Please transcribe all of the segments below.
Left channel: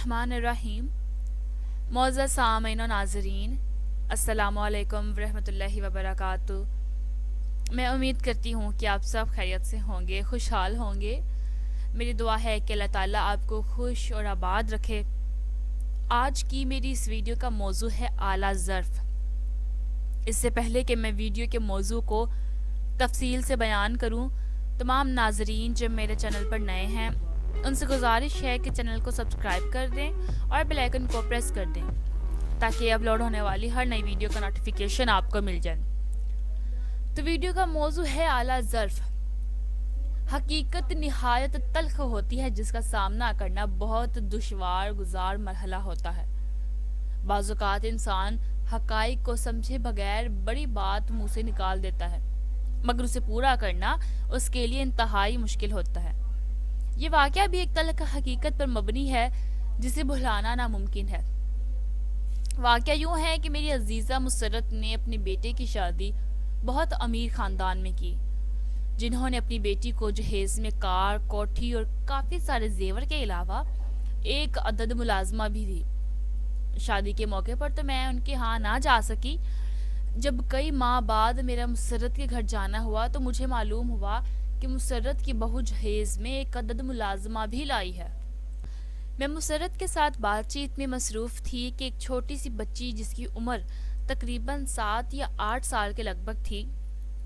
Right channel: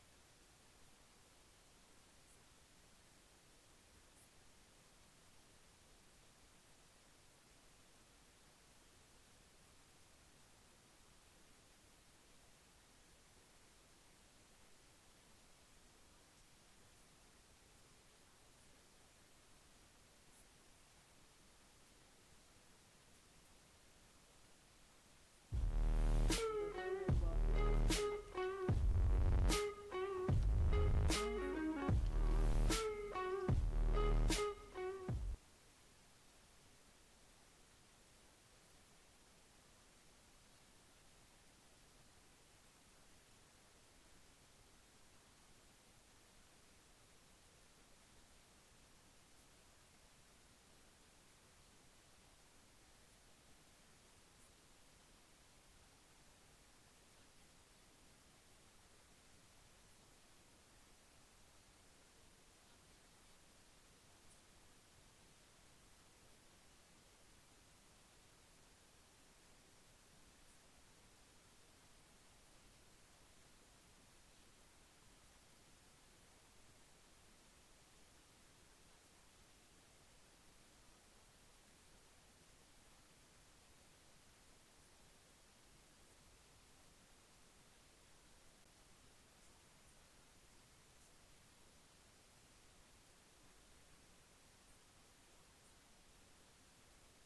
الرحمن الرحیم۔ معزز سامعین و ناظرین، السلام علیکم ورحمۃ اللہ وبرکاتہ۔ میں امید کرتی ہوں کہ آپ سب خیریت سے ہوں گے، خوشحال ہوں گے۔ میری دعا ہے کہ اللہ تعالیٰ آپ کو خوش اور آباد رکھے۔ آج کی میری اس ویڈیو کا موضوع ہے اعلیٰ ظرف۔ اس سے پہلے کہ میں ویڈیو کے موضوع کو تفصیل سے بیان کروں، تمام ناظرین جو میرے چینل پر نئے ہیں ان سے گزارش ہے کہ چینل کو سبسکرائب کر دیں اور بیل آئیکن کو پریس کر دیں تاکہ اپلوڈ ہونے والی ہر نئی ویڈیو کا نوٹیفیکیشن آپ کو مل جائے۔ تو ویڈیو کا موضوع ہے اعلیٰ ظرف۔ حقیقت نہایت تلخ ہوتی ہے جس کا سامنا کرنا بہت دشوار گزار مرحلہ ہوتا ہے۔ بعض اوقات انسان حقائق کو سمجھے بغیر بڑی بات منہ سے نکال دیتا ہے، مگر اسے پورا کرنا اس کے لیے انتہائی مشکل ہوتا ہے۔ یہ واقعہ بھی ایک تلخ حقیقت پر مبنی ہے جسے بھلانا ناممکن ہے۔ واقعہ یوں ہے کہ میری عزیزہ مسرت نے اپنے بیٹے کی شادی بہت امیر خاندان میں کی، جنہوں نے اپنی بیٹی کو جہیز میں کار، کوٹھی اور کافی سارے زیور کے علاوہ ایک عدد ملازمہ بھی دی۔ شادی کے موقع پر تو میں ان کے ہاں نہ جا سکی۔ جب کئی ماہ بعد میرا مسرت کے گھر جانا ہوا تو مجھے معلوم ہوا کہ مسرت کی بہو جہیز میں ایک عدد ملازمہ بھی لائی ہے۔ میں مسرت کے ساتھ بات چیت میں مصروف تھی کہ ایک چھوٹی سی بچی جس کی عمر تقریباً 7 یا 8 سال کے لگ بھگ تھی،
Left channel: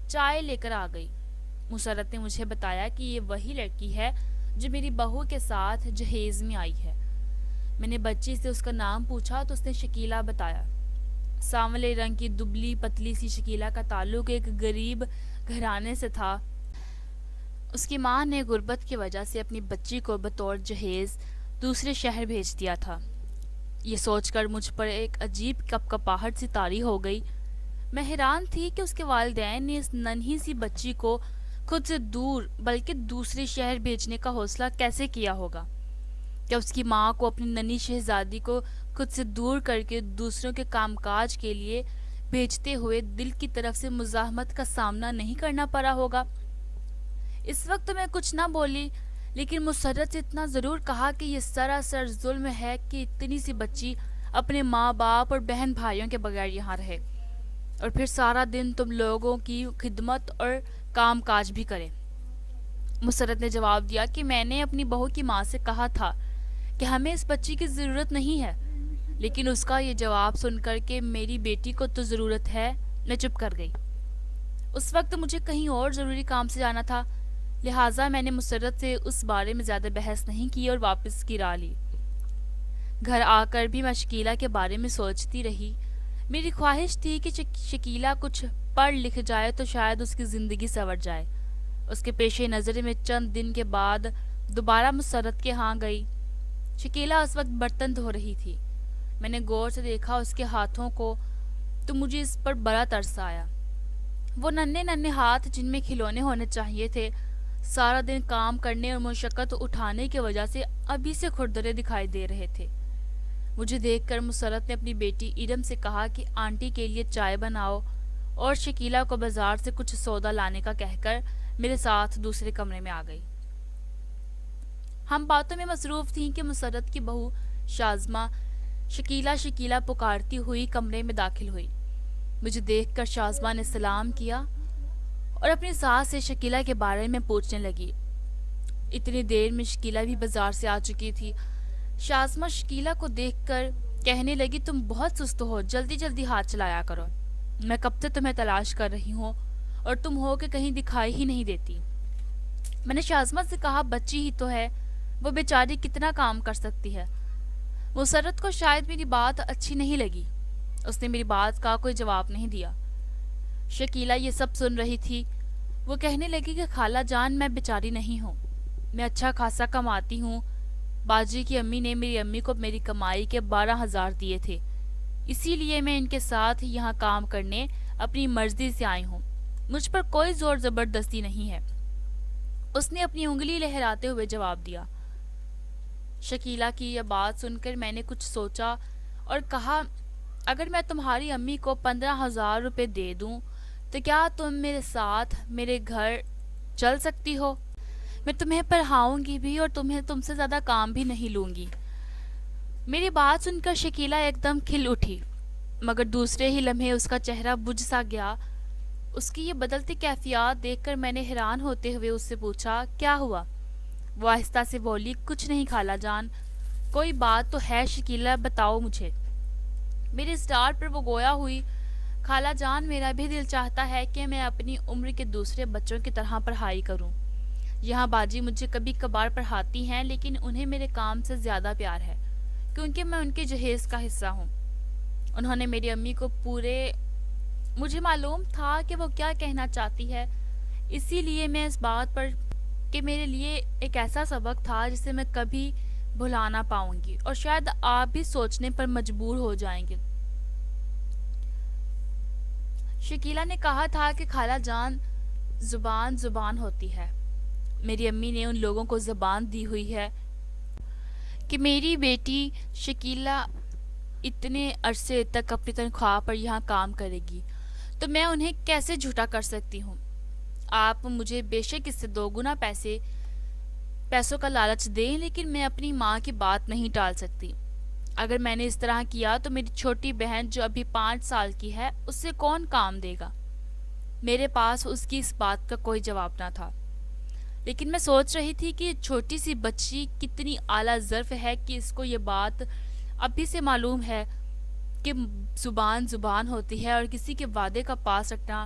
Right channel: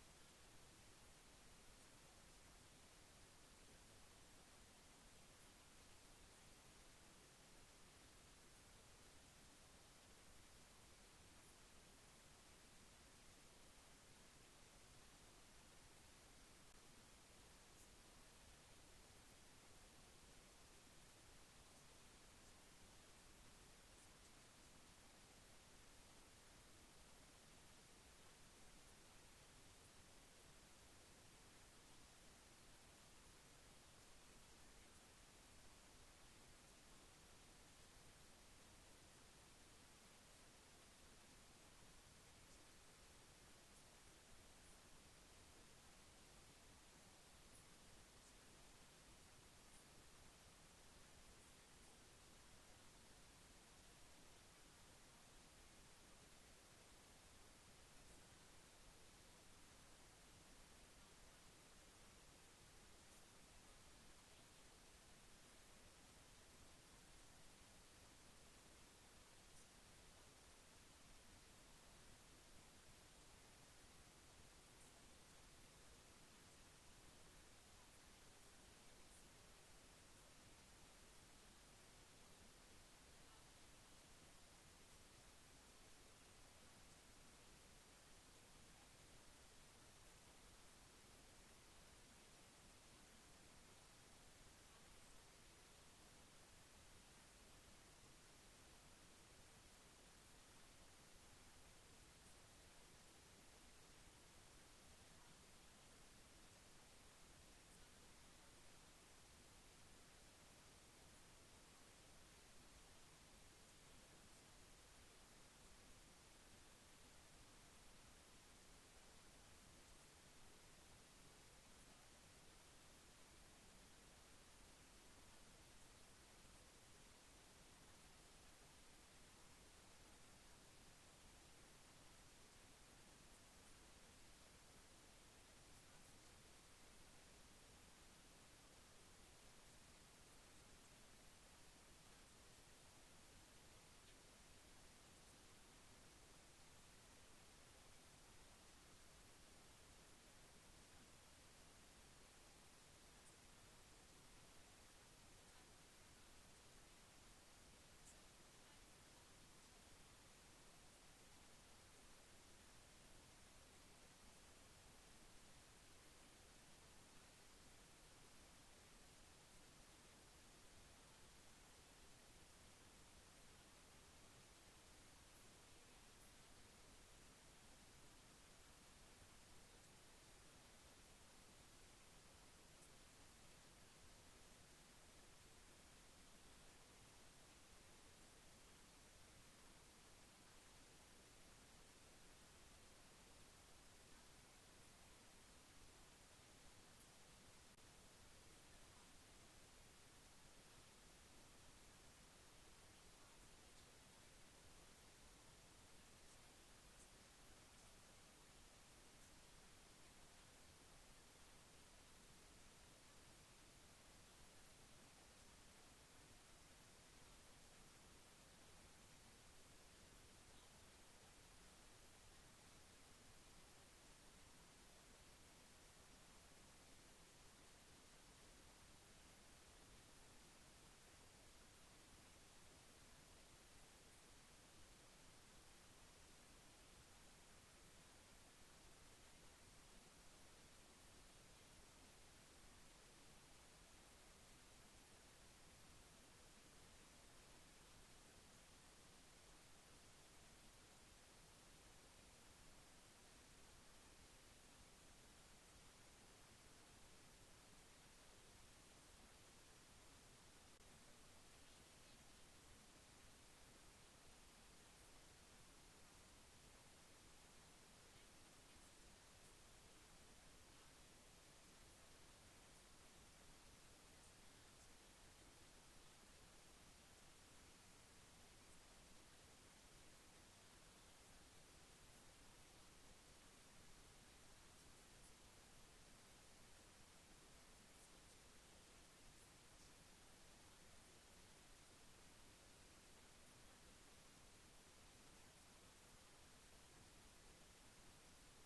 چائے لے کر آ گئی۔ مسرت نے مجھے بتایا کہ یہ وہی لڑکی ہے جو میری بہو کے ساتھ جہیز میں آئی ہے۔ میں نے بچی سے اس کا نام پوچھا تو اس نے شکیلہ بتایا۔ سانولے رنگ کی دبلی پتلی سی شکیلہ کا تعلق ایک غریب گھرانے سے تھا۔ اس کی ماں نے غربت کی وجہ سے اپنی بچی کو بطور جہیز دوسرے شہر بھیج دیا تھا۔ یہ سوچ کر مجھ پر ایک عجیب کپکپاہٹ سی طاری ہو گئی۔ میں حیران تھی کہ اس کے والدین نے اس ننھی سی بچی کو خود سے دور بلکہ دوسرے شہر بھیجنے کا حوصلہ کیسے کیا ہوگا۔ کیا اس کی ماں کو اپنی ننھی شہزادی کو خود سے دور کر کے دوسروں کے کام کاج کے لیے بھیجتے ہوئے دل کی طرف سے مزاحمت کا سامنا نہیں کرنا پڑا ہوگا؟ اس وقت میں کچھ نہ بولی، لیکن مسرت سے اتنا ضرور کہا کہ یہ سراسر ظلم ہے کہ اتنی سی بچی اپنے ماں باپ اور بہن بھائیوں کے بغیر یہاں رہے اور پھر سارا دن تم لوگوں کی خدمت اور کام کاج بھی کرے۔ مسرت نے جواب دیا کہ میں نے اپنی بہو کی ماں سے کہا تھا کہ ہمیں اس بچی کی ضرورت نہیں ہے، لیکن اس کا یہ جواب سن کر کہ میری بیٹی کو تو ضرورت ہے، میں چپ کر گئی۔ اس وقت مجھے کہیں اور ضروری کام سے جانا تھا، لہٰذا میں نے مسرت سے اس بارے میں زیادہ بحث نہیں کی اور واپس کی راہ لی۔ گھر آ کر بھی میں شکیلہ کے بارے میں سوچتی رہی۔ میری خواہش تھی کہ شکیلہ کچھ پڑھ لکھ جائے تو شاید اس کی زندگی سنور جائے۔ اس کے پیش نظر میں چند دن کے بعد دوبارہ مسرت کے ہاں گئی۔ شکیلہ اس وقت برتن دھو رہی تھی۔ میں نے غور سے دیکھا اس کے ہاتھوں کو تو مجھے اس پر بڑا ترس آیا۔ وہ ننھے ننھے ہاتھ جن میں کھلونے ہونے چاہیے تھے، سارا دن کام کرنے اور مشقت اٹھانے کی وجہ سے ابھی سے کھردرے دکھائی دے رہے تھے۔ مجھے دیکھ کر مسرت نے اپنی بیٹی ارم سے کہا کہ آنٹی کے لیے چائے بناؤ اور شکیلہ کو بازار سے کچھ سودا لانے کا کہہ کر میرے ساتھ دوسرے کمرے میں آ گئی۔ ہم باتوں میں مصروف تھیں کہ مسرت کی بہو شازمہ شکیلہ شکیلہ پکارتی ہوئی کمرے میں داخل ہوئی۔ مجھے دیکھ کر شازمہ نے سلام کیا اور اپنی ساس سے شکیلہ کے بارے میں پوچھنے لگی۔ اتنی دیر میں شکیلہ بھی بازار سے آ چکی تھی۔ شازمہ شکیلہ کو دیکھ کر کہنے لگی، تم بہت سست ہو، جلدی جلدی ہاتھ چلایا کرو۔ میں کب سے تمہیں تلاش کر رہی ہوں اور تم ہو کہ کہیں دکھائی ہی نہیں دیتی۔ میں نے شازمہ سے کہا، بچی ہی تو ہے، وہ بیچاری کتنا کام کر سکتی ہے۔ مسرت کو شاید میری بات اچھی نہیں لگی، اس نے میری بات کا کوئی جواب نہیں دیا۔ شکیلہ یہ سب سن رہی تھی۔ وہ کہنے لگی کہ خالہ جان، میں بیچاری نہیں ہوں، میں اچھا خاصا کماتی ہوں۔ باجی کی امی نے میری امی کو میری کمائی کے 12,000 دیے تھے، اسی لیے میں ان کے ساتھ یہاں کام کرنے اپنی مرضی سے آئی ہوں، مجھ پر کوئی زور زبردستی نہیں ہے، اس نے اپنی انگلی لہراتے ہوئے جواب دیا۔ شکیلہ کی یہ بات سن کر میں نے کچھ سوچا اور کہا، اگر میں تمہاری امی کو 15,000 روپے دے دوں تو کیا تم میرے ساتھ میرے گھر چل سکتی ہو؟ میں تمہیں پڑھاؤں گی بھی اور تم سے زیادہ کام بھی نہیں لوں گی۔ میری بات سن کر شکیلا ایک دم کھل اٹھی، مگر دوسرے ہی لمحے اس کا چہرہ بجھ سا گیا۔ اس کی یہ بدلتی کیفیات دیکھ کر میں نے حیران ہوتے ہوئے اس سے پوچھا، کیا ہوا؟ وہ آہستہ سے بولی، کچھ نہیں خالہ جان، کوئی بات تو ہے شکیلا، بتاؤ مجھے۔ میرے اسٹار پر وہ گویا ہوئی، خالہ جان میرا بھی دل چاہتا ہے کہ میں اپنی عمر کے دوسرے بچوں کی طرح پڑھائی کروں۔ یہاں باجی مجھے کبھی کبھار پڑھاتی ہیں لیکن انہیں میرے کام سے زیادہ پیار ہے کیونکہ میں ان کے جہیز کا حصہ ہوں۔ انہوں نے میری امی کو پورے مجھے معلوم تھا کہ وہ کیا کہنا چاہتی ہے، اسی لیے میں اس بات پر کہ میرے لیے ایک ایسا سبق تھا جسے میں کبھی بھلا نہ پاؤں گی، اور شاید آپ بھی سوچنے پر مجبور ہو جائیں گے۔ شکیلا نے کہا تھا کہ خالہ جان، زبان زبان ہوتی ہے۔ میری امی نے ان لوگوں کو زبان دی ہوئی ہے کہ میری بیٹی شکیلا اتنے عرصے تک اپنی تنخواہ پر یہاں کام کرے گی، تو میں انہیں کیسے جھوٹا کر سکتی ہوں؟ آپ مجھے بے شک اس سے 2 گنا پیسوں کا لالچ دیں، لیکن میں اپنی ماں کی بات نہیں ٹال سکتی۔ اگر میں نے اس طرح کیا تو میری چھوٹی بہن جو ابھی 5 سال کی ہے، اس سے کون کام دے گا؟ میرے پاس اس کی اس بات کا کوئی جواب نہ تھا، لیکن میں سوچ رہی تھی کہ چھوٹی سی بچی کتنی اعلیٰ ظرف ہے کہ اس کو یہ بات ابھی سے معلوم ہے کہ زبان زبان ہوتی ہے اور کسی کے وعدے کا پاس رکھنا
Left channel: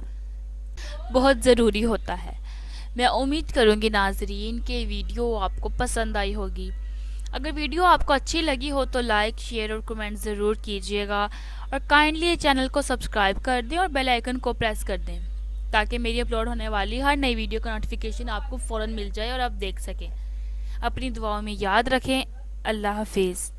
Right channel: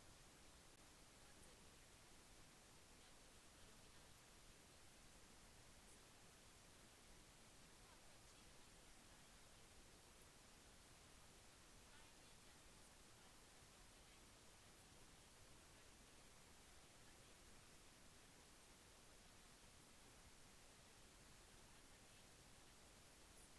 بہت ضروری ہوتا ہے۔ میں امید کروں گی ناظرین کہ ویڈیو آپ کو پسند آئی ہوگی۔ اگر ویڈیو آپ کو اچھی لگی ہو تو لائک، شیئر اور کمنٹ ضرور کیجیے گا، اور کائنڈلی چینل کو سبسکرائب کر دیں اور بیل آئیکن کو پریس کر دیں تاکہ میری اپلوڈ ہونے والی ہر نئی ویڈیو کا نوٹیفیکیشن آپ کو فوراً مل جائے اور آپ دیکھ سکیں۔ اپنی دعاؤں میں یاد رکھیں۔ اللہ حافظ۔